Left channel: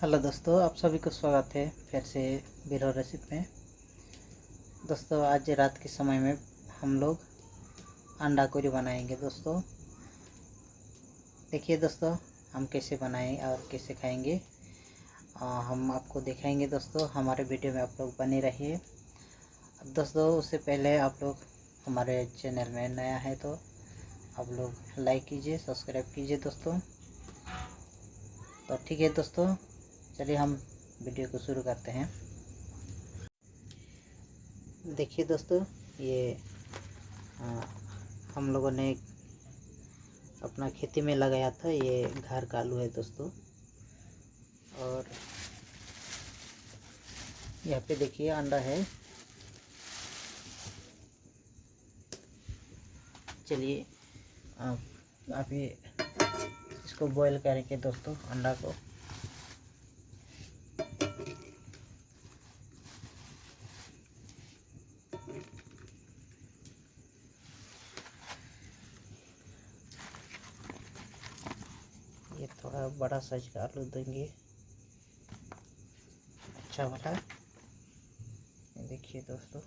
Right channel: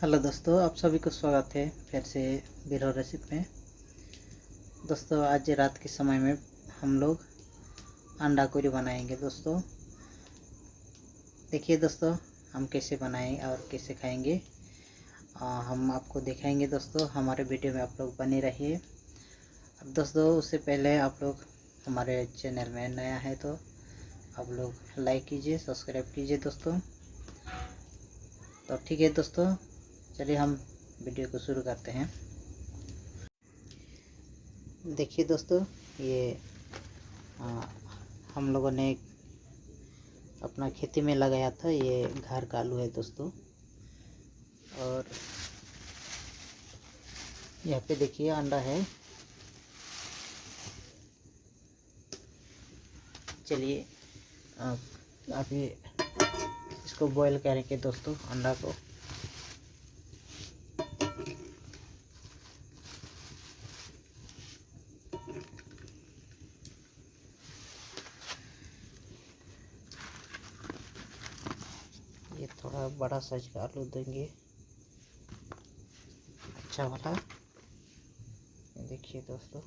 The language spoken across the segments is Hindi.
हेलो दोस्तों, आप सभी को स्वागत है फिर से बीरो रेसिपी में। दोस्तों, आज रात के समय में हम लोग अंडा करी बनाएंगे। दोस्तों देखिए दोस्तों, हम कैसे बनाएं और कैसे खाएंगे हम आपको दिखाएंगे। दोस्तों हमारे वीडियो में आप लोग बने रहिए। अब दोस्तों, उससे पहले आप लोग हमारे चैनल में नया है तो आप लोग लाइक कीजिए, सब्सक्राइब कीजिए दोस्तों। तो ठीक है दोस्तों, चलिए हम वीडियो को शुरू करते हैं। देखिए दोस्तों, ये हम लोगों ने अपना खेती में लगाया था। ये घर का आलू है दोस्तों। और यहाँ पे देखिए अंडा है। चलिए अभी इसको बॉईल करेंगे दोस्तों, अंडा को। ये थोड़ा बड़ा साइज का आलू देंगे, अच्छा वाला। देखिए दोस्तों,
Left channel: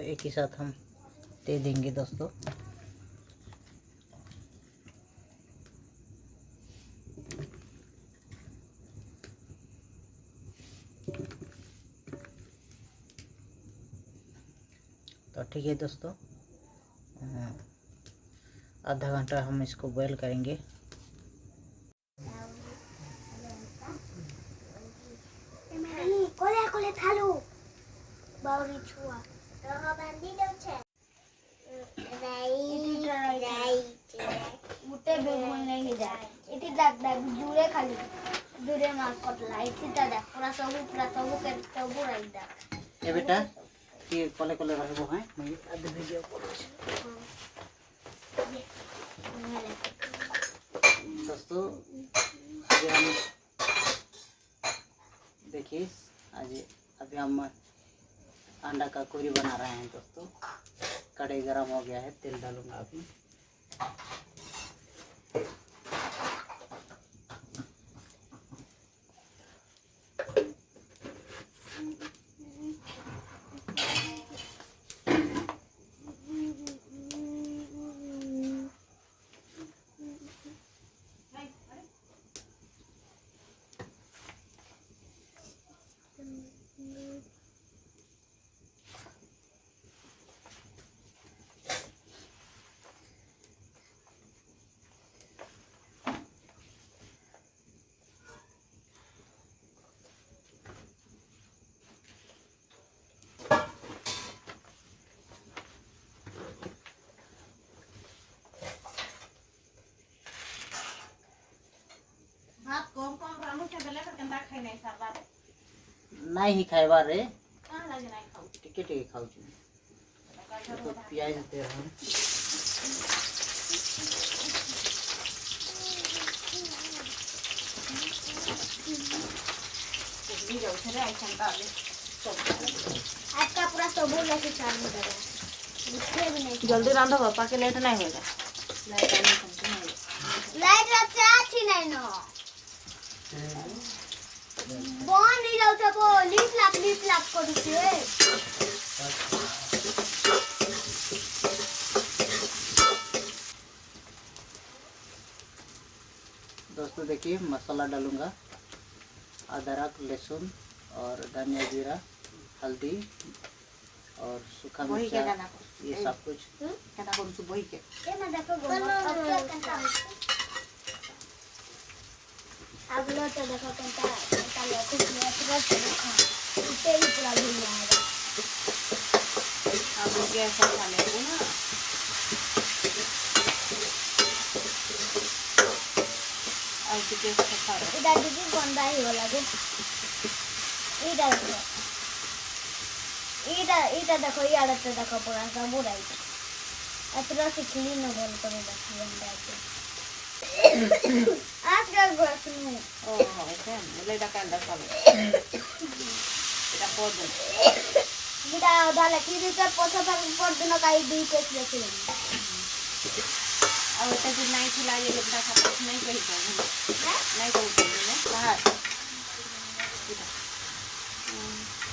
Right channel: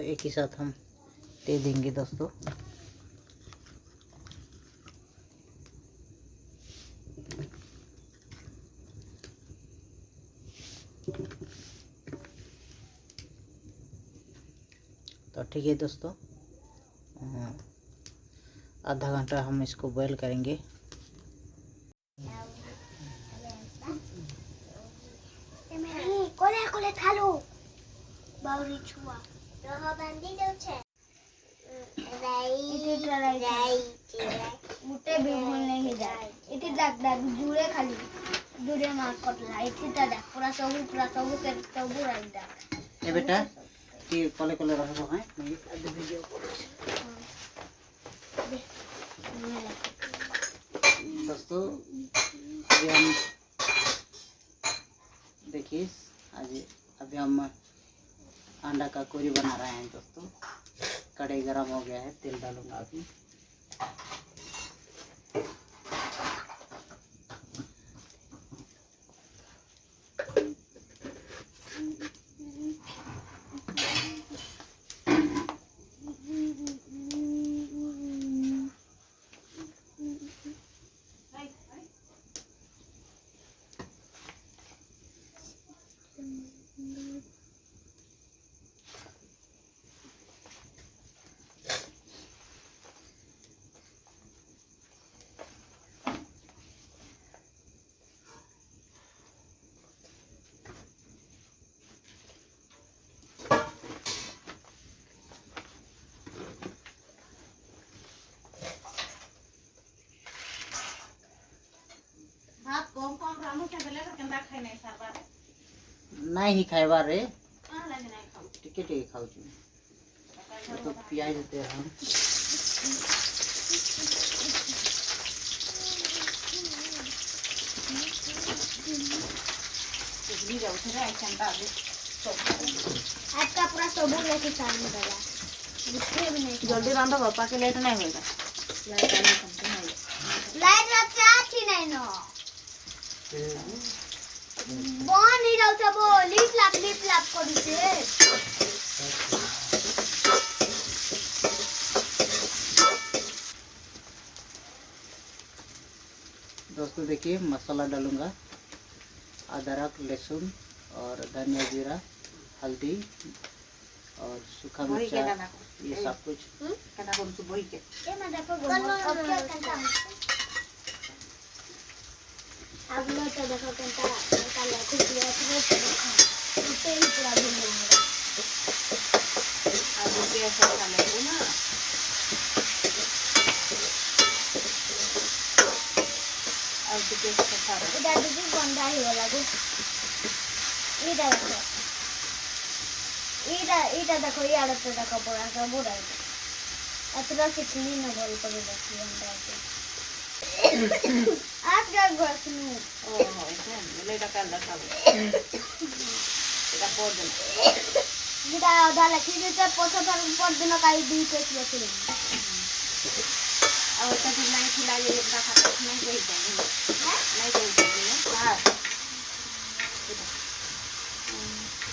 एक ही साथ हम दे देंगे दोस्तों। तो ठीक है दोस्तों, आधा घंटा हम इसको बॉईल करेंगे। जुड़े खाली जुड़े मार कटला इठीटा देख पूरा सबू के सबू राइट देख ए बेटा कि कोले कोले रहबो है मैं आधे वीडियो करे दोस्तों। अभी हम देखिए, अभी हम अंडा का करी बना रहे हैं दोस्तों। कढ़ाई गरम हो गया है, तेल डालूंगा अभी। नहीं खाइबा रे टिके टिके खाऊ तो प्याज देते हम। आपका पूरा सबू लेके चालू करा दिखे भी नहीं। जल्दी रांधो पापा के लेट नहीं होगा। लाइट रचा छी नहीं नो बन ही जाऊ था वो लीप लाप करू से। दोस्तों देखिए, मसाला डालूंगा, अदरक लहसुन और धनिया जीरा हल्दी और सूखा मिर्चा, ये सब कुछ। ये मैं देखो अब लो तो देखो कंटा लेके किया तो ही पूरा दिन रहेगा। अब गैस खा लेंगे ना। ଏଇଟା ଟିକେ ଗନ୍ଧା ହେଇଗଲା ଯେ ଏଇଟା ଦେଖ ଏଇଟା ଦେଖ ଇଆଡ଼େ ଦେଖ ପୁରା ସବୁ ରାଇଟ୍ ଏଥର ଶିଖିଲି ନା ଭଲ କରି ଦେଖି ଗନ୍ଧା आज क्या गुआसनु ଓହୋ ଏଇଟା ଏଇଟା କାନ୍ଦା କାଲ ଏଇଟା କୋଦ गिटा आधा लकी दे तो पोछा पर दिन काई दी के लेके ଆଉ ଏଟା ବି ନାଇଁ ଥିଲା ଯେ ଏଟା ଖାସ ନାଇଁ କହି ଜାଣି ନାଇଁ କହି ଜାଣି ହାଁ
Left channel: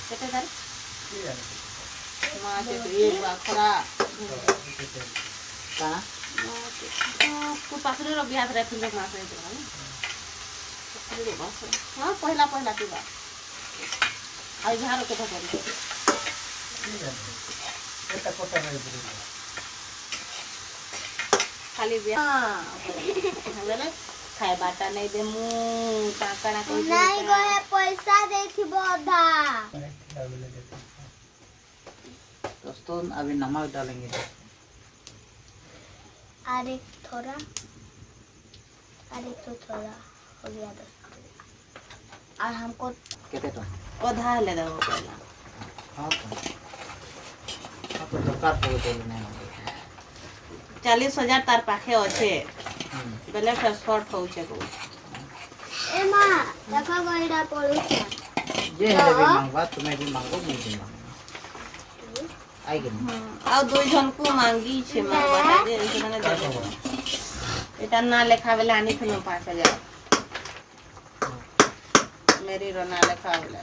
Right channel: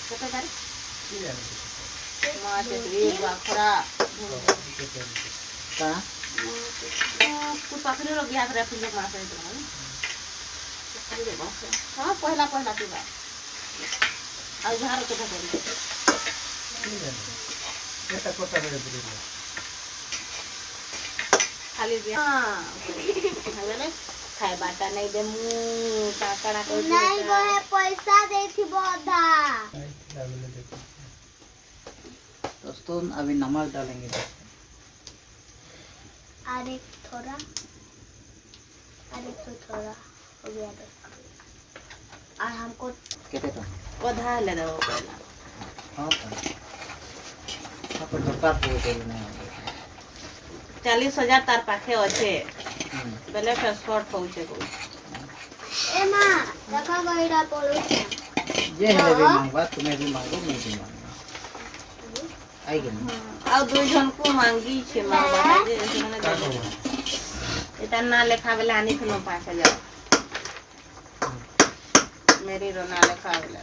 କେତେ ତାର माते रे बाखरा का तू पाखरे रो बियाह रे फुल मासे तो ना हां पहला पहला तू बा आई बाहर के करी एटा कोटा रे बुरी खाली बियाह हमें खाए बाटा नहीं दे मु काकड़ा को नहीं गए पैसा देथी बोधा दोस्तों अभी नमक डालेंगे अरे थोड़ा तो थोड़ा हो गया देख और हमको केते तो ओधा ले दे पहला हां तो दरकार पड़े तो नहीं 40,000 तार पाखे अच्छे बेले ट्रांसपोर्ट होचे को ए मां देखा गईरा पड़ू ये है भी मांगवा तुम्हें भी मांगो मैं भी मांगो आई गई आ दो जन को मांगी छे मांगा जे माने एटा ना लेखा वाला आनी थनो 5,000 मेरी रो ना लेखा वाला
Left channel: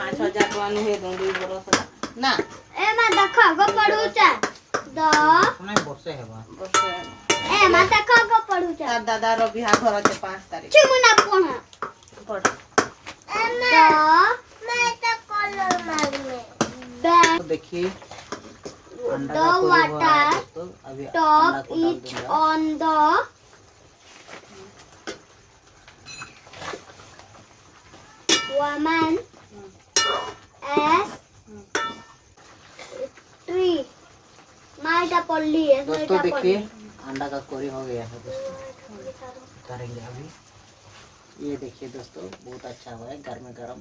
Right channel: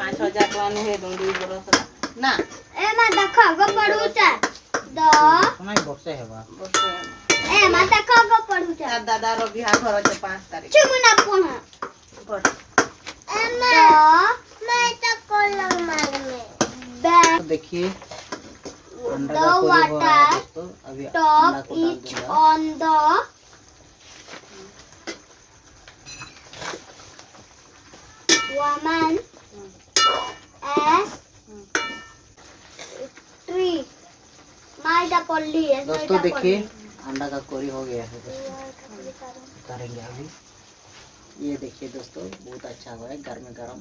5,000 तो आनी है दूंगी बड़ो सा ना ए मां देखा गो पड़ू दो सुनाई बसे है बात बस ए मां देखा गो पड़ू तार दादा रो बियाह घर छे 5 तारीख चुमुना पोना पड़ मैं तो कलर मार में तो देखिए अंडा का कोई हुआ है दोस्तों अभी अंडा top को डाल it दूंगा on the woman as tree माइटा पल्ली है दोस्तों देखिए अंडा का कोरी हो गया है दोस्तों करेंगे अभी ये देखिए दोस्तों बहुत अच्छा हुआ है गर्म गरम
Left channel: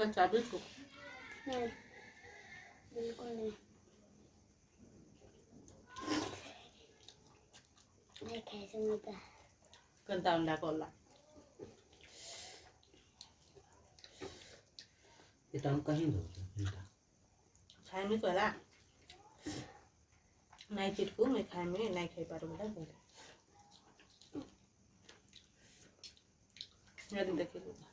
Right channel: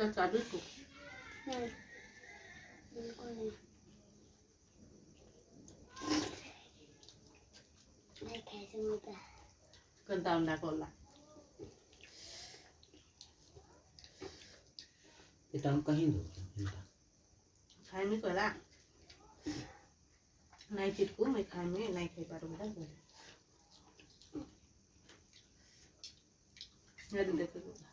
ना चाबी को बिल्कुल नहीं कैसे मिलता कंटा अंडा कोला ये तो हम कहीं दो खाए में कोला नहीं फिर को मैं खाए में नहीं खाई पार बेटा बोले ये देखिए